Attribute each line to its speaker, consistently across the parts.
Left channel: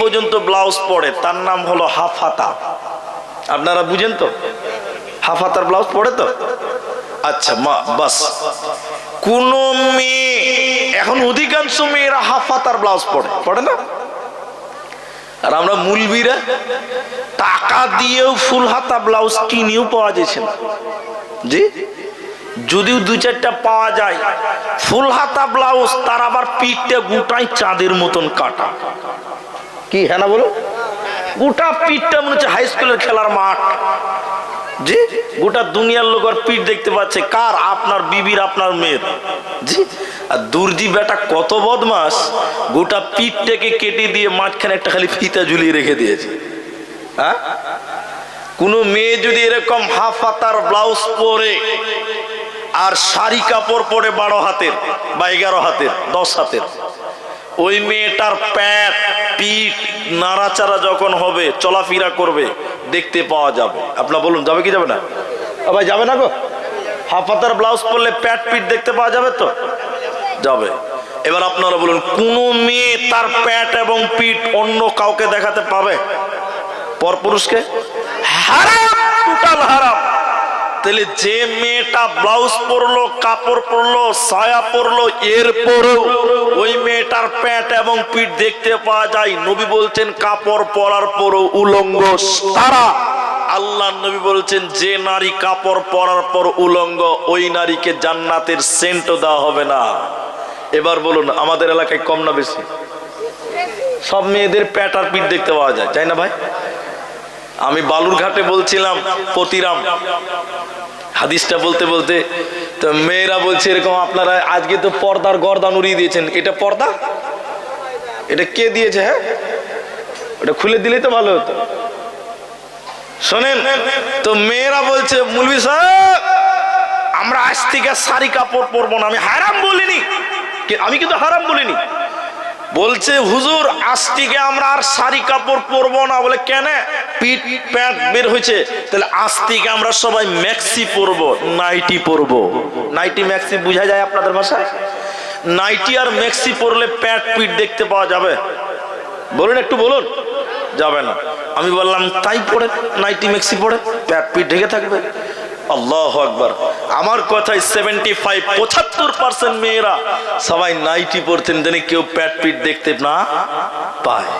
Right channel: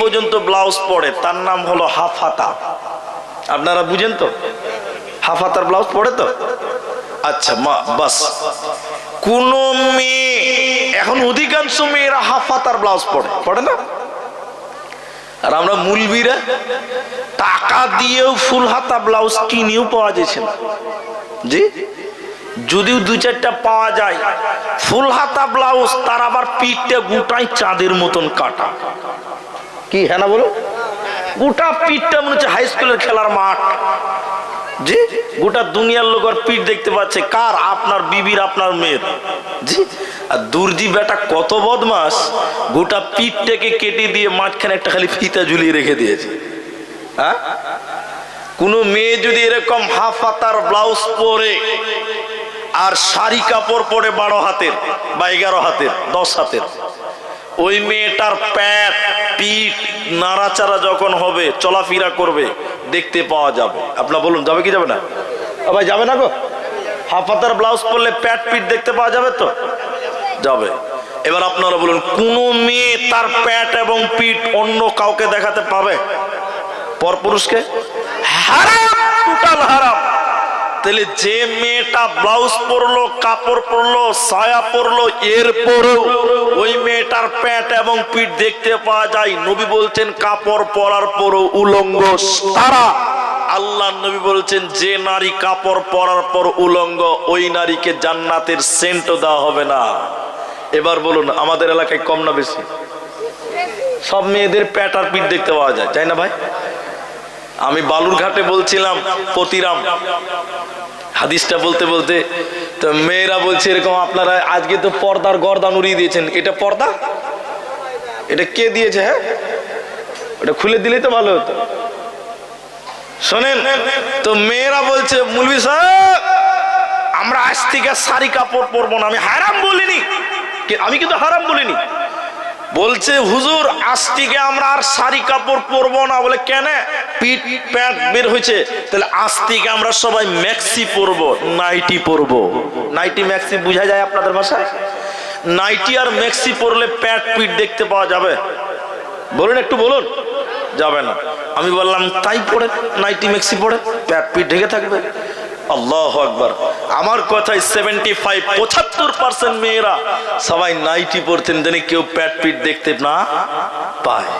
Speaker 1: পর্যন্ত ব্লাউজ পরে, তার নাম হলো হাফাতা। আপনারা বুঝেন তো? হাফাতার ব্লাউজ পরে তো? আচ্ছা মা, বাস। কোন মেয়ে, এখন অধিকাংশ মেয়েরা হাফাতার ব্লাউজ পরে পড়ে না? আর আমরা মুলবিরা টাকা দিয়েও ফুল হাতা ব্লাউজ কিনেও পাওয়া যাচ্ছে না। জি? যদিও দু চারটা পাওয়া যায় ফুল হাতা ব্লাউজ তার আবার পিঠটা গোটাই চাঁদের মতন কাটা। কি? হ্যাঁ না বলো। গোটা পিঠটা মনে হচ্ছে হাই স্কুলের খেলার মাঠ। জি? গোটা দুনিয়ার লোক আর পিঠ দেখতে পাচ্ছে। কার? আপনার বিবির, আপনার মেয়ের। জি? আর দুর্জি বেটা কত বদমাস। গোটা পিঠটাকে কেটে দিয়ে মাঝখানে একটা খালি ফিতা ঝুলিয়ে রেখে দিয়েছে। হ্যাঁ? কোনো মেয়ে যদি এরকম হাফ হাতার ব্লাউজ পরে আর শাড়ি কাপড় পরে বারো হাতের বা এগারো হাতের, দশ হাতের, ওই মেয়েটার প্যাট পিঠ, নাড়াচাড়া যখন হবে, চলাফেরা করবে, দেখতে পাওয়া যাবে। আপনার বলুন, যাবে কি যাবে না? ভাই, যাবে না গো? হাফ হাতার ব্লাউজ পরলে প্যাট পিঠ দেখতে পাওয়া যাবে তো? যাবে। এবার আপনারা বলুন, কোন মেয়ে তার প্যাট এবং পিঠ অন্য কাউকে দেখাতে পাবে? পরপুরুষকে? হারাম টোটাল হারাম। তাহলে যে মেয়েটা ব্লাউজ পরলো, কাপড় পরলো, সায়া পরলো এর পরেও ওই মেয়েটার প্যান্ট এবং পিঠ দেখতে পাওয়া যায়। নবী বলছেন, কাপড় পরার পরও উলঙ্গ তারা আল্লাহ নবী বলছেন, যে নারী কাপড় পরার পর উলঙ্গ, ওই নারীকে জান্নাতের সেন্টও দেওয়া হবে না। এবার বলুন, আমাদের এলাকায় কম না বেশি? সব মেয়েদের প্যাট আর পিঠ দেখতে পাওয়া যায়, তাই না ভাই? আমি বালুরঘাটে বলছিলাম, পতিরাম। হাদিসটা বলতে বলতে তো মেয়েরা বলছে এরকম আপনারা আজকে তো পর্দার গর্দান উড়িয়ে দিয়েছেন। এটা পর্দা? এটা কে দিয়েছে হ্যাঁ? ওটা খুলে দিলেই তো ভালো হতো। শোনেন, তো মেয়েরা বলছে, মুলবি সাহেব, আমরা আজ থেকে শাড়ি কাপড় পরবো না। আমি হারাম বলিনি। আমি কিন্তু হারাম বলিনি। বলছে, হুজুর, আজ থেকে আমরা আর শাড়ি কাপড় পরবো না। বলে, কেন? পিঠ, প্যান্ট বের হয়েছে। তাহলে আজ থেকে আমরা সবাই ম্যাক্সি পরবো, নাইটি পরবো। নাইটি ম্যাক্সি বোঝা যায় আপনাদের ভাষায়? নাইটি আর ম্যাক্সি পরলে প্যাট পিঠ দেখতে পাওয়া যাবে। বলুন একটু বলুন। যাবে না। আমি বললাম, তাই পড়ে নাইটি ম্যাক্সি পড়ে প্যাট পিঠ ঢেকে থাকবে। আল্লাহ আকবার। আমার কথায় সেভেন্টি ফাইভ পঁচাত্তর পার্সেন্ট মেয়েরা সবাই নাইটি পরতেন জানি কেউ প্যাট পিঠ দেখতে না পায়।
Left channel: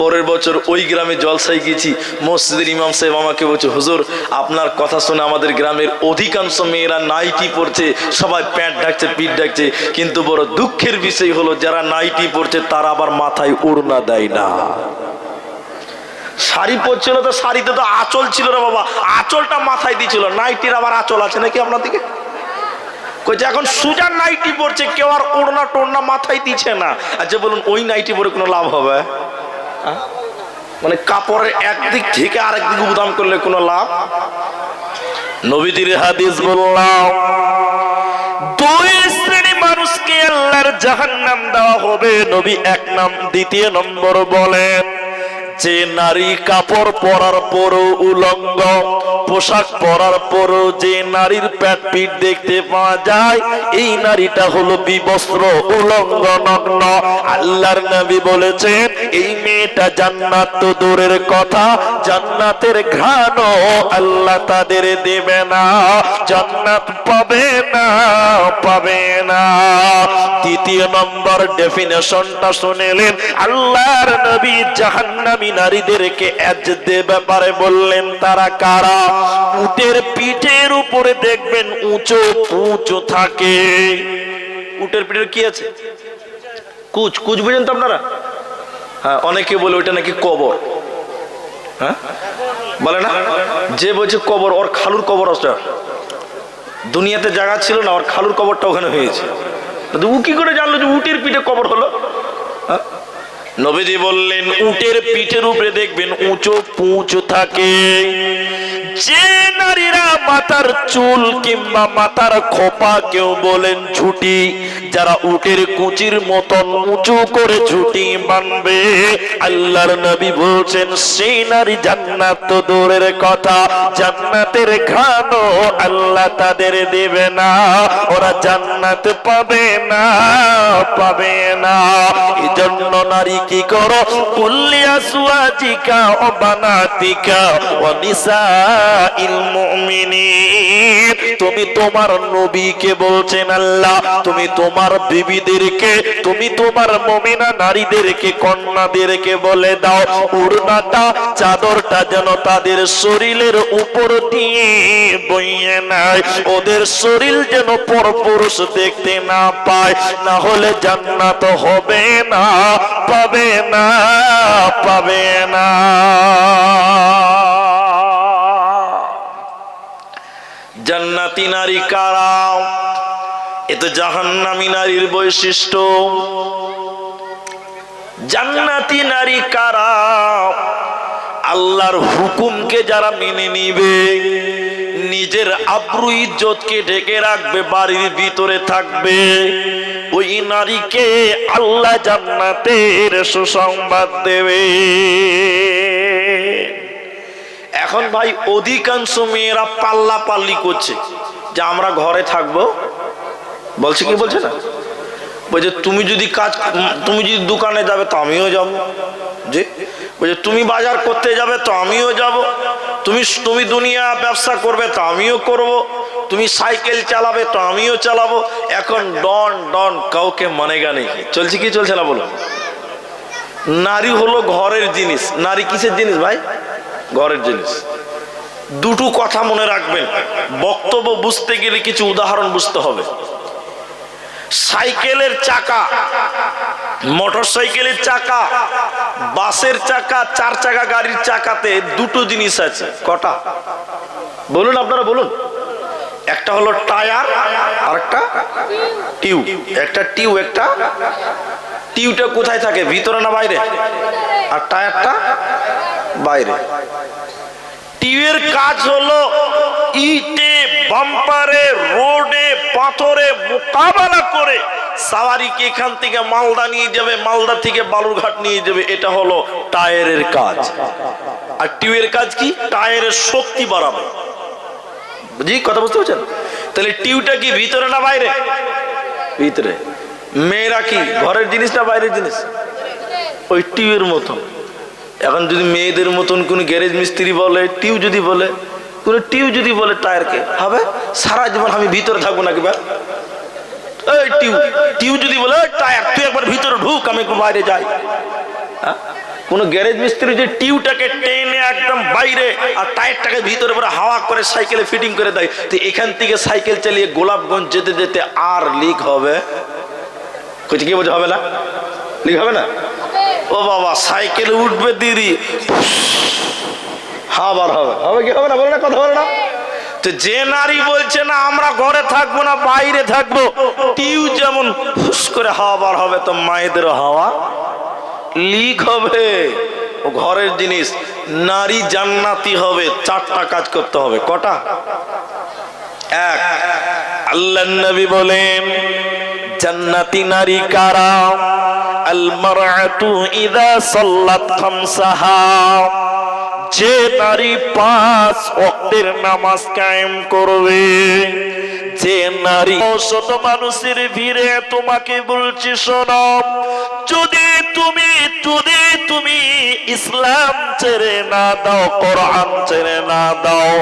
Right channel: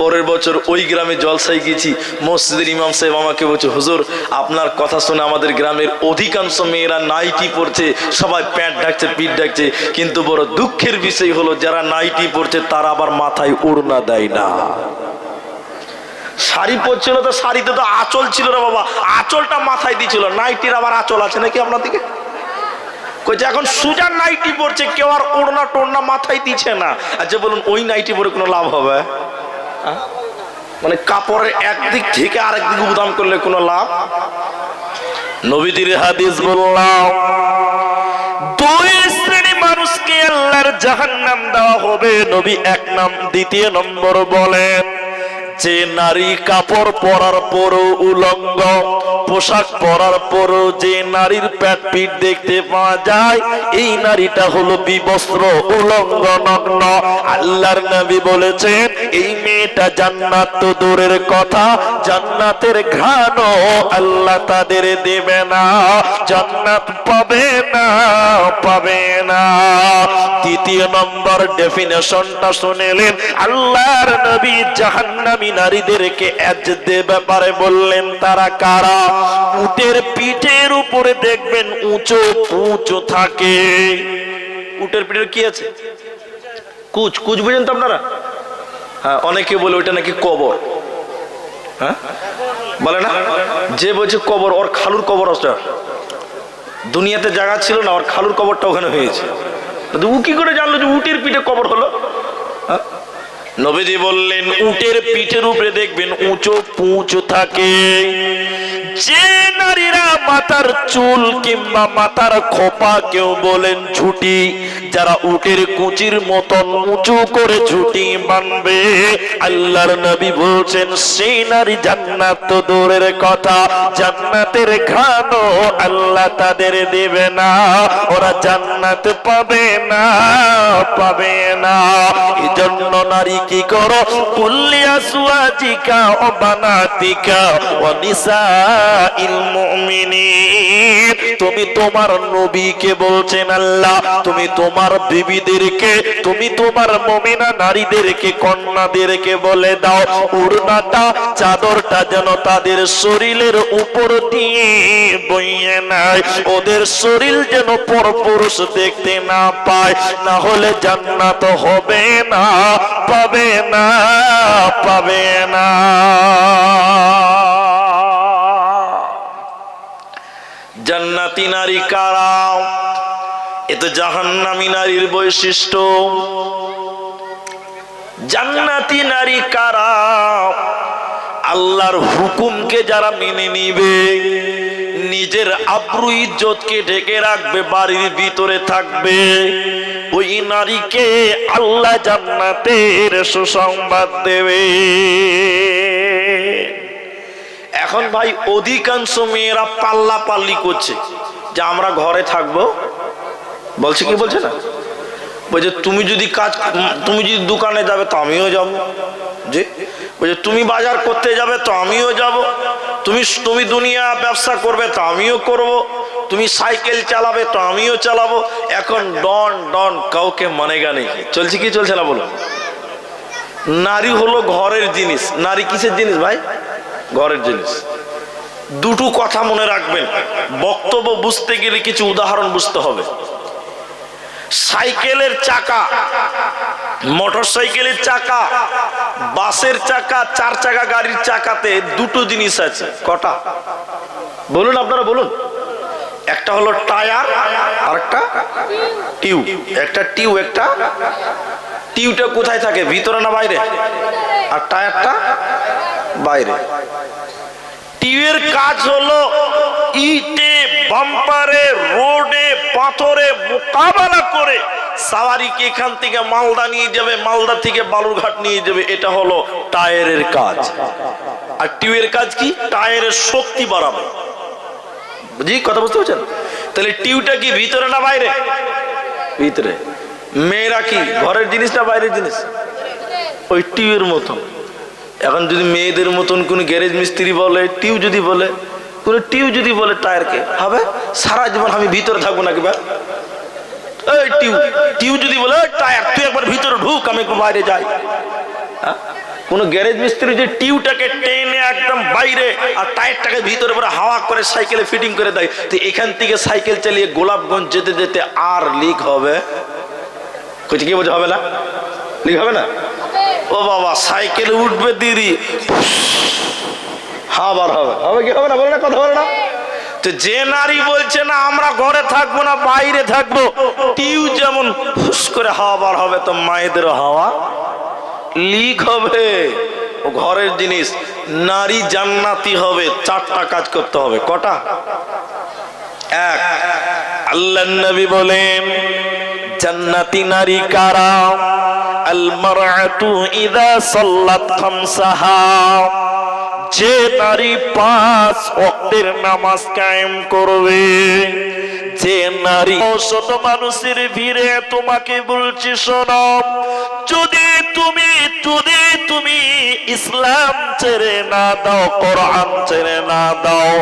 Speaker 1: পরের বছর ওই গ্রামে জলসাই গেছি মসজিদের ইমাম সাহেব আমাকে বলছে, হুজুর, আপনার কথা শুনে আমাদের গ্রামের অধিকাংশ মেয়েরা নাইটি পরছে, সবাই প্যান্ট ডাকছে পিঠ ডাকছে। কিন্তু বড় দুঃখের বিষয় হলো, যারা নাইটি পরছে, তারা আবার মাথায় উড়না দেয় না। শাড়ি পরছিল তো শাড়িতে তো আঁচল ছিল রে বাবা। আঁচলটা মাথায় দিছিল নাইটির আবার আঁচল আছে নাকি আপনার দিকে? কইছে, এখন সুজার নাইটি পরছে, কেউ আর ওড়না টোড়না মাথায় দিচ্ছে না। আচ্ছা বলুন, ওই নাইটি পরে কোনো লাভ হবে? মানে কাপড়ের একদিক থেকে আরেক দিক উদাম করলে কোনো লাভ? নবীজির হাদিস বললাম, দুই শ্রেণি মানুষকে আল্লাহর জাহান্নাম দেওয়া হবে। নবী এক নাম, দ্বিতীয় নম্বর বলেন যে নারী কাপড় পরার পরও উলঙ্গ, পোশাক পরার পরও যে নারীর প্যাট পিঠ দেখতে পাওয়া যায়, এই নারীটা হলো বিবস্ত্র, উলঙ্গ, নগ্ন। আল্লাহর নবী বলেছেন, এই মেয়েটা জান্নাত তো দূরের কথা, জান্নাতের ঘ্রাণও আল্লাহ তাদের দেবে না। জান্নাত পাবে না পাবে না। তৃতীয় নম্বর ডেফিনেশনটা শুনেলেন আল্লাহর নবী জাহান্নামী নারীদেরকে এজদে ব্যাপারে বললেন, তারা কারা? উটের পিঠের উপরে দেখবেন উঁচু উঁচু থাকে। উটের পিঠের কি আছে? কুচ কুচ বুঝেন তো আপনারা? হ্যাঁ অনেকে বলে ওইটা নাকি কবর। হ্যাঁ? বলে না? যে বলছে কবর, ওর খালুর কবর আছে। দুনিয়াতে জায়গা ছিল না, ওর খালুর কবরটা ওখানে হয়েছে। উ কি করে জানলো যে উটের পিঠে কবর হলো? হ্যাঁ? নবীজি বললেন উটের পিঠের উপরে দেখবেন উঁচু পুঁচু থাকে। যে নারীরা
Speaker 2: মাথার চুল কিংবা মাথার খোপা কেউ বলেন ঝুটি। যারা উটের কুচির মতন উঁচু করে ঝুটি বানবে, আল্লাহর নবী বলছেন, সেই নারী জান্নাত তো দূরের কথা, জান্নাতের ঘানও আল্লাহ তাদের দেবে না। ওরা জান্নাত পাবে না পাবে না। এই জন্য নারী কি করো? কুল্লিয়া সুয়াজিকা ও বানাতিকা ও নিসা ইল মুমিনিন। তুমি তোমার নবীকে বলছেন আল্লাহ, তুমি তোমার বিবিদেরকে, তুমি তোমার মমিনা নারীদেরকে, কন্যাদেরকে বলে দাও, উড়নাটা, চাদরটা যেন তাদের শরীরের উপর দিয়ে বইয়ে নেয়। ওদের শরীর যেন পরপুরুষ দেখতে না পায়, না হলে জান্নাত হবে না, পাবে না পাবে না।
Speaker 1: জান্নাতি নারী কারা? এ তো জাহান্নামী নারীর বৈশিষ্ট্য। জান্নাতি নারী কারা? আল্লাহর হুকুমকে যারা মেনে নিবে, নিজের আব্রু ইজ্জতকে ঢেকে রাখবে, বাড়ির ভিতরে থাকবে, ওই নারীকে আল্লাহ জান্নাতের সুসংবাদ দেবে। এখন ভাই অধিকাংশ মেয়েরা পাল্লা পাল্লি করছে। যে আমরা ঘরে থাকব। বলছে কি বলছে না? বলছে, তুমি যদি কাজ, তুমি যদি দোকানে যাবে তো আমিও যাব। যে বলছে, তুমি বাজার করতে যাবে তো আমিও যাব। তুমি তুমি দুনিয়া ব্যবসা করবে তো আমিও করব। তুমি সাইকেল চালাবে তো আমিও চালাবো। এখন ডন ডন, কাউকে মানে গানে চলছে কি, চলছে না বলো নারী হলো ঘরের জিনিস। নারী কিসের জিনিস ভাই? ঘরের জিনিস। দুটো কথা মনে রাখবেন, বক্তব্য বুঝতে গেলে কিছু উদাহরণ বুঝতে হবে। সাইকেলের চাকা মোটর সাইকেলের চাকা, বাসের চাকা, চার চাকা গাড়ির চাকাতে দুটো জিনিস আছে, কটা? বলুন আপনারা, বলুন। একটা হলো টায়ার আর একটা টিউব। একটা টিউব, একটা টিউবটা কোথায় থাকে? ভিতরে না বাইরে? আর টায়ারটা বাইরে। টিউবের কাজ হলো ইটে, বাম্পারে, রোডে, পাথরে মোকাবেলা করে সাওয়ারিকে এখান থেকে মালদা নিয়ে যাবে, মালদা থেকে বালুরঘাট নিয়ে যাবে, এটা হলো টায়ারের কাজ। আর টিউবের কাজ কি? টায়ারের শক্তি বাড়াবে। বুঝি? কথা বুঝতে পারছেন? তাহলে টিউবটা কি ভিতরে না বাইরে? ভিতরে। মেয়েরা কি ঘরের জিনিস না বাইরের জিনিস? ওই টিউবের মতন। এখন যদি মেয়েদের মতন কোন গ্যারেজ মিস্ত্রি বলে, টিউ যদি বলে, কোন টিউ যদি বলে টায়ারকে, হবে? সারা জীবন আমি ভিতরে থাকব নাকি বা এই টিউ টিউ যদি বলে, "এই টায়ার, তুই একবার ভিতরে ঢুক, আমি একটু বাইরে যাই। হ্যাঁ? কোন গ্যারেজ মিস্ত্রি যে টিউটাকে টেনে একদম বাইরে আর টায়ারটাকে ভিতরে পরে হাওয়া করে সাইকেলে ফিটিং করে দেয়, তো এখান থেকে সাইকেল চালিয়ে গোলাপগঞ্জ যেতে যেতে আর লিক হবে। কি বলছে, হবে না? লিক হবে না? ও বাবা, সাইকেলে উঠবে দিদি আবার হবে। হবে কি? হবে না? বলে না, কথা বলে না। তো যে নারী বলছে না, আমরা ঘরে থাকব না, বাইরে থাকব, টিউ যেমন হুস করে হাওয়া বার হবে, তো মায়েদের হাওয়া লিক হবে। ও ঘরের জিনিস, নারী জান্নাতি হবে, চারটা কাজ করতে হবে। কটা? এক আল্লাহ নবী বলেন জান্নাতি নারী কারা? আল মারআতু ইদা সাল্লাত খামসাহা। যে নারী পাঁচ ওয়াক্তের নামাজ কায়েম করবে, যে নারী শত মানুষের ভিড়ে তোমাকে বলছি শোনো, যদি তুমি ইসলাম ছেড়ে না দাও, কোরআন ছেড়ে না দাও।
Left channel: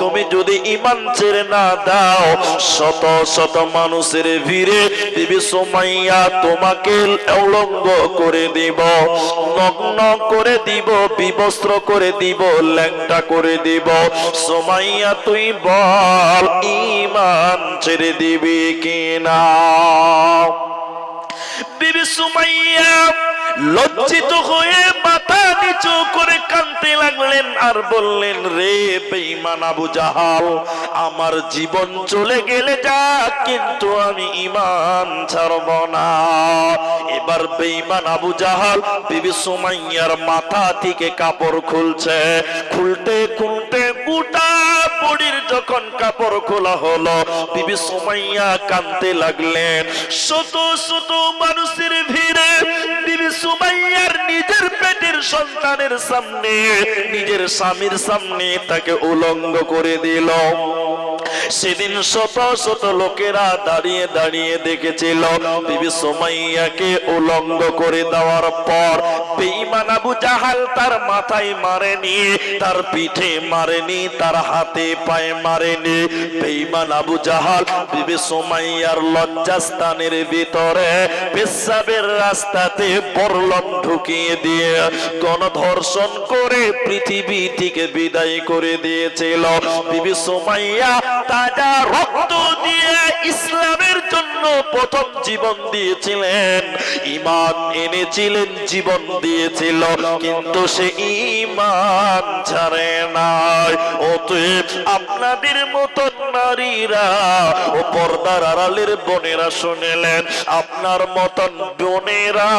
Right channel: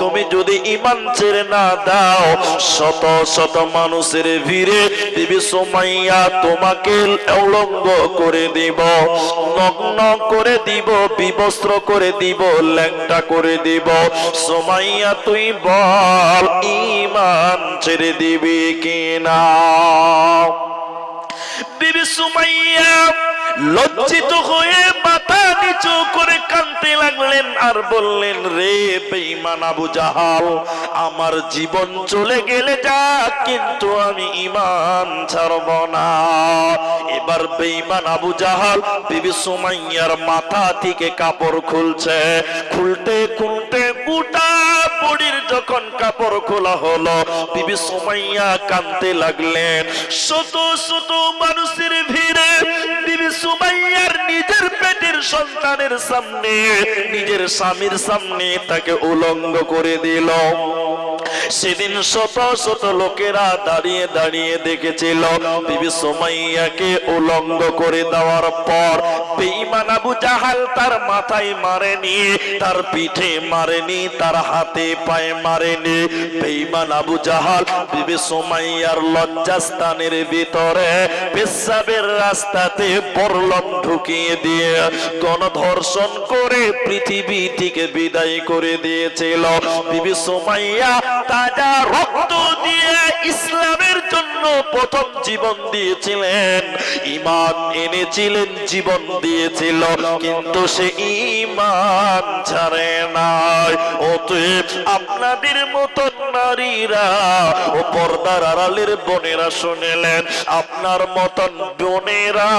Speaker 1: তুমি যদি ইমান ছেড়ে না দাও, শত শত মানুষের ভিড়ে দিবি সোমাইয়া তোমাকে উলঙ্গ করে দিব, নগ্ন করে দিব, বিবস্ত্র করে দিব, ল্যাংটা করে দিব। সোমাইয়া, তুই বল ইমান ছেড়ে দিবি কিনা? বিবি সুমাইয়া লজ্জিত হয়ে মাথা নিচু করে কানতে লাগলেন আর বললেন, রে বেঈমান আবু জাহাল, আমার জীবন চলে গেলে যা, কিন্তু আমি ইমান ছাড়ব না। এবার বেঈমান আবু জাহাল বিবি সুমাইয়ার মাথা থেকে কাপড় খুলছে, খুলতে খুলতে গোটা
Speaker 2: বডির যখন কাপড় খোলা হলো, বিবি সুমাইয়া কানতে লাগলেন। শত শত মানুষের ভিড়ে বিবি সুমাইয়ার নিজের পেটের সন্তানের সামনে, নিজের স্বামীর সামনে তাকে উলঙ্গ করে দিল। সেদিন শত শত লোকেরা দাঁড়িয়ে দাঁড়িয়ে দেখেছিল বিবি সোমাইয়াকে উলঙ্গ করে দেওয়ার পর বেঈমান আবু জাহাল তার মাথায় মারেনি, তার পিঠে মারেনি, তার হাতে পায়ে মারেনি। বেঈমান আবু জাহাল বিবি সোমাইয়ার লজ্জাস্থানের ভিতরে পেশাবের রাস্তাতে বরলম ঢুকিয়ে দিয়ে গণধর্ষণ করে পৃথিবী থেকে বিদায় করে দিয়েছিল। বিবি সোমাইয়া তাজা রক্ত দিয়ে ইসলামের জন্য প্রথম জীবন দিয়েছিলেন। ইমান এনেছিলেন, জীবন দিয়েছিল, কিন্তু সে ইমান ছাড়ে নাই। অতএব আপনাদের মতন নারীরা, ও পর্দার আড়ালের বোনেরা শুনেলেন, আপনার মতন বোনেরা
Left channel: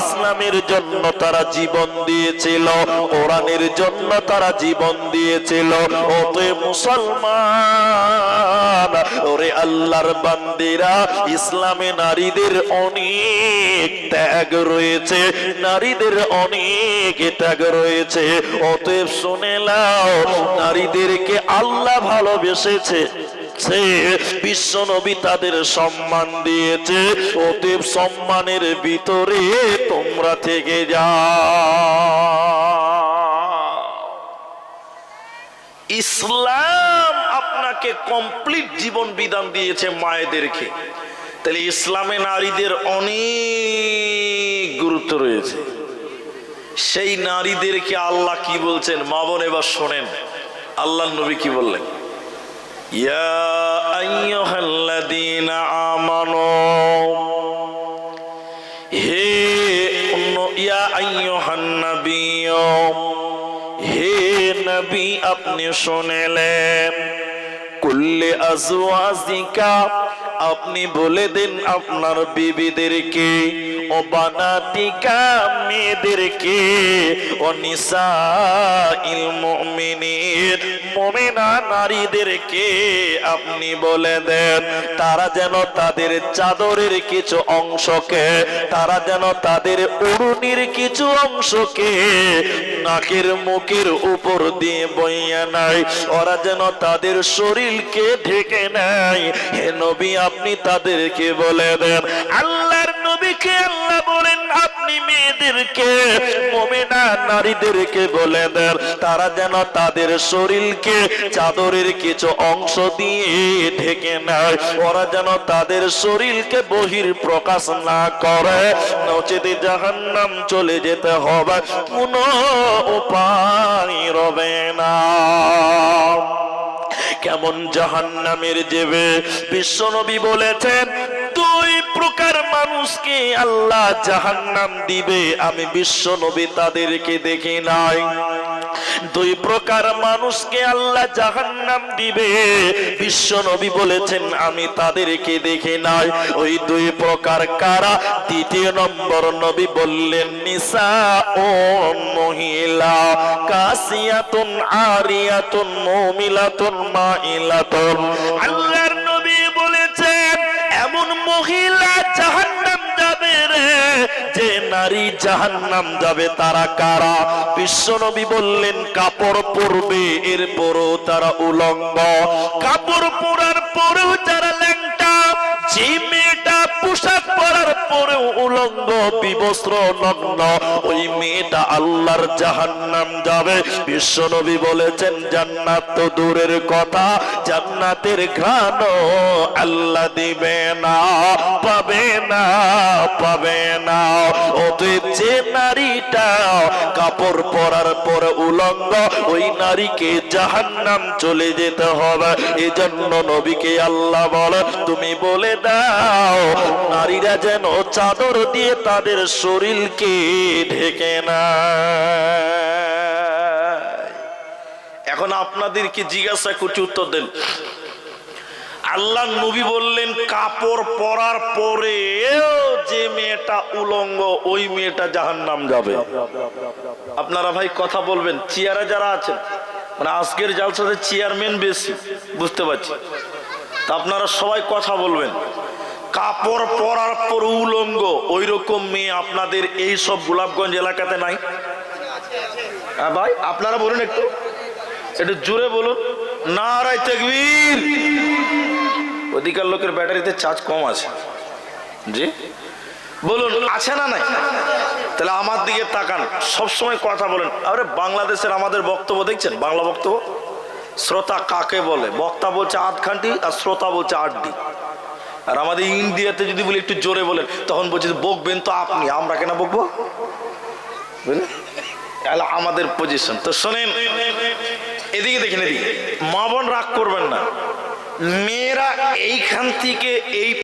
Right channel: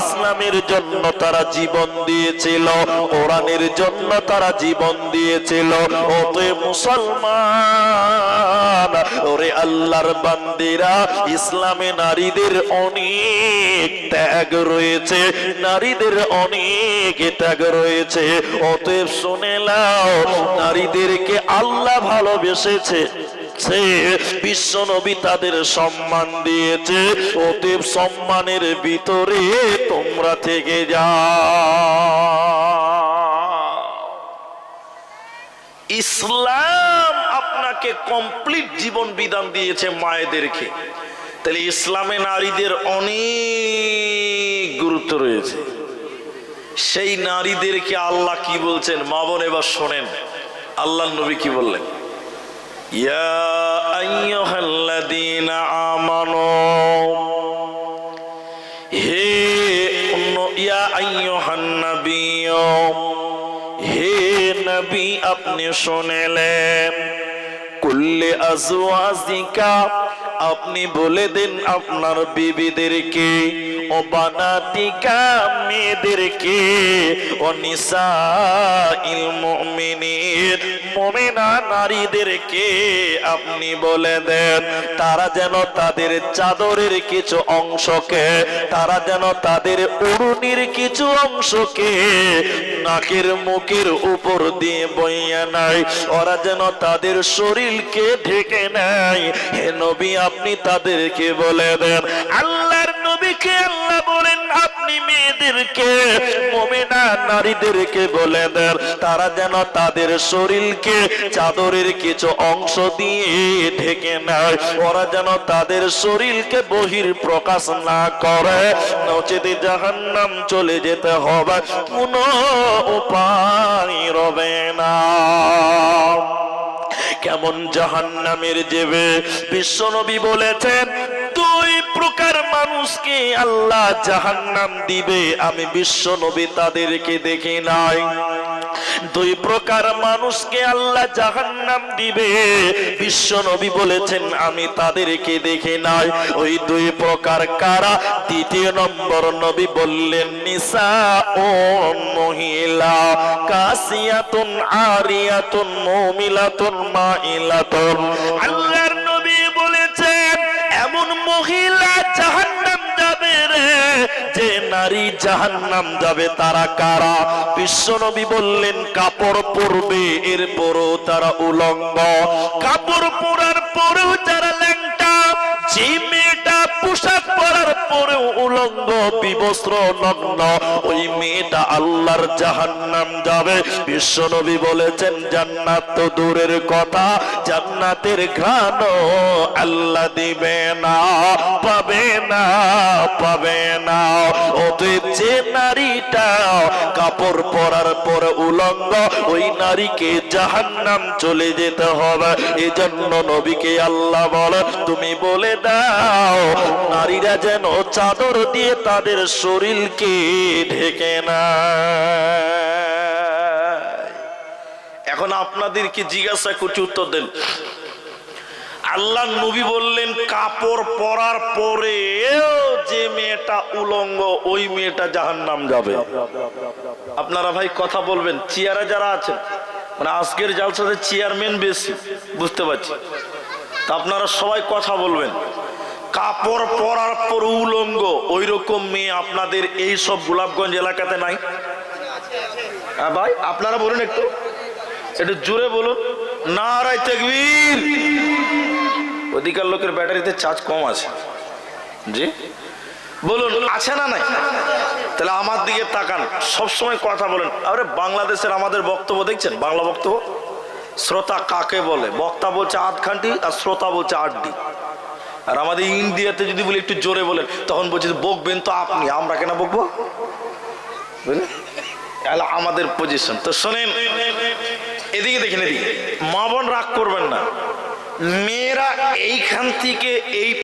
Speaker 2: ইসলামের জন্য তারা জীবন দিয়েছিল, কোরআনের জন্য তারা জীবন দিয়েছিল। অতএব মুসলমান, ওরে আল্লাহর বান্দিরা, ইসলামে নারীদের অনেক ত্যাগ রয়েছে, নারীদের অনেক ত্যাগ রয়েছে। অতএব শুনে নাও, নারীদেরকে আল্লাহ ভালোবেসেছে বিশ্ব নবী তাদের সম্মান দিয়েছে, অতএব সম্মানের ভিতরে তোমরা থেকে যাও।
Speaker 1: ইসলাম আপনাকে কমপ্লিট জীবন বিধান দিয়েছে মায়েদেরকে। তাহলে ইসলামে নারীদের অনেক গুরুত্ব রয়েছে। সেই নারীদেরকে আল্লাহ কি বলছেন? মা বোন, এবার শোনেন। আল্লাহ নবী কি বললেন? হে হে আপনি শুনেলেন? কুল্লে আজওয়াজিকা, আপনি বলে দেন আপনার বিবিদেরকে, ও বানাতিকা মেয়েদেরকে, ও নিসা নারীদেরকে আপনি বলে দেন, তারা যেন তাদের চাদরের কিছু অংশকে, তারা যেন তাদের উড়ুনির কিছু অংশকে নাকের মুখের উপর দিয়ে বইয়া নাই ওরা যেন তাদের শরীরকে ঢেকে নেয়। হে নবী, আপনি তাদেরকে বলে দেন, আল্লাহর নবীকে মেয়েদেরকে মোমেনা নারীদেরকে বলে দেন, তারা যেন তাদের শরীরকে চাদরের কিছু অংশ দিয়ে ঢেকে নেয়। ওরা যেন তাদের শরীরকে বহির প্রকাশ না করে। নচেতে জাহান্নাম চলে যেতে হবে। কোনো উপায় রবে না। কেমন জাহান্নামের জেবে? বিশ্বনবী বলেছেন প্রকার মানুষকে আল্লাহ জাহান্নাম দিবে, আমি বিশ্বনবী তাদেরকে দেখি নাই। দুই প্রকার মানুষকে আল্লাহ জাহান্নাম দিবে বিশ্বনবী বলেছেন, আমি তাদেরকে দেখি নাই। ওই দুই প্রকার কারা? দ্বিতীয় নম্বর নবী বললেন নিসা ও মহিলা, কাসিয়াতুন, আরিয়াতুন, মুমিলাতুন, মাইলাতুন। আল্লাহর নবী বলেছেন, এমন মহিলা যে নারী জাহান নাম যাবে তারা কারা? বিশ্বনবী বললেন, কাপড় পরবে, এরপরও তারা উলঙ্গ। কাপড় পরার পরেও যারা ল্যাংটা জিমে পরার উলঙ্গ বিবস্ত্র নগ্ন, ওই মেয়েটা আল্লাহর জাহান্নাম যাবে। বিশ্বনবী বলেছেন, জান্নাত তো দূরের কথা, জান্নাতের ঘ্রাণ আল্লাহ দিবে না, পাবে না পাবে না। অতএব যে নারীটা কাপড় পরার পর উলঙ্গ ওই নারীকে জাহান্নাম চলে যেতে হবে। এজন্য নবীকে আল্লাহ বলে তুমি বলে দাও, নারীরা যেন চাদর দিয়ে তাদের শরীরকে ঢেকে না এখন আপনাদেরকে জিজ্ঞাসা করছি উত্তর দেন। আল্লাহ নবী বললেন, কাপড় পরার পরে যে মেয়েটা উলঙ্গ, ওই মেয়েটা জাহান্নাম যাবে। আপনারা ভাই কথা বলবেন, চেয়ারে যারা আছেন মানে আজকের জালসাতে চেয়ারম্যান বেশি, বুঝতে পারছি। তা আপনারা সবাই কথা বলবেন, কাপড় পরার পর উলঙ্গ ওই রকম মেয়ে আপনাদের এই সব গোলাপগঞ্জ এলাকাতে নাই? হ্যাঁ ভাই, আপনারা বলুন একটু একটু জোরে বলুন। নারায় তেকবীর। অধিকার লোকের ব্যাটারিতে চার্জ কম আছে। জি? বলুন, আছে না নাই? তাহলে আমার দিকে তাকান, সবসময় কথা বলেন। আরে, বাংলাদেশের আমাদের বক্তব্য দেখছেন? বাংলা বক্তব্য? শ্রোতা কাকে বলে? বক্তা বলছে আধ খান্টি আর শ্রোতা বলছে আটটি। আর আমাদের ইন্ডিয়াতে যদি বলি একটু জোরে বলেন, তখন বলছে বকবেন তো আপনি, আমরা কেন বকবো? বুঝলেন? তাহলে আমাদের পজিশন তো শোনেন, এদিকে দেখেন, এদিকে। মা বোন রাগ করবেন না। মেয়েরা এইখান থেকে এই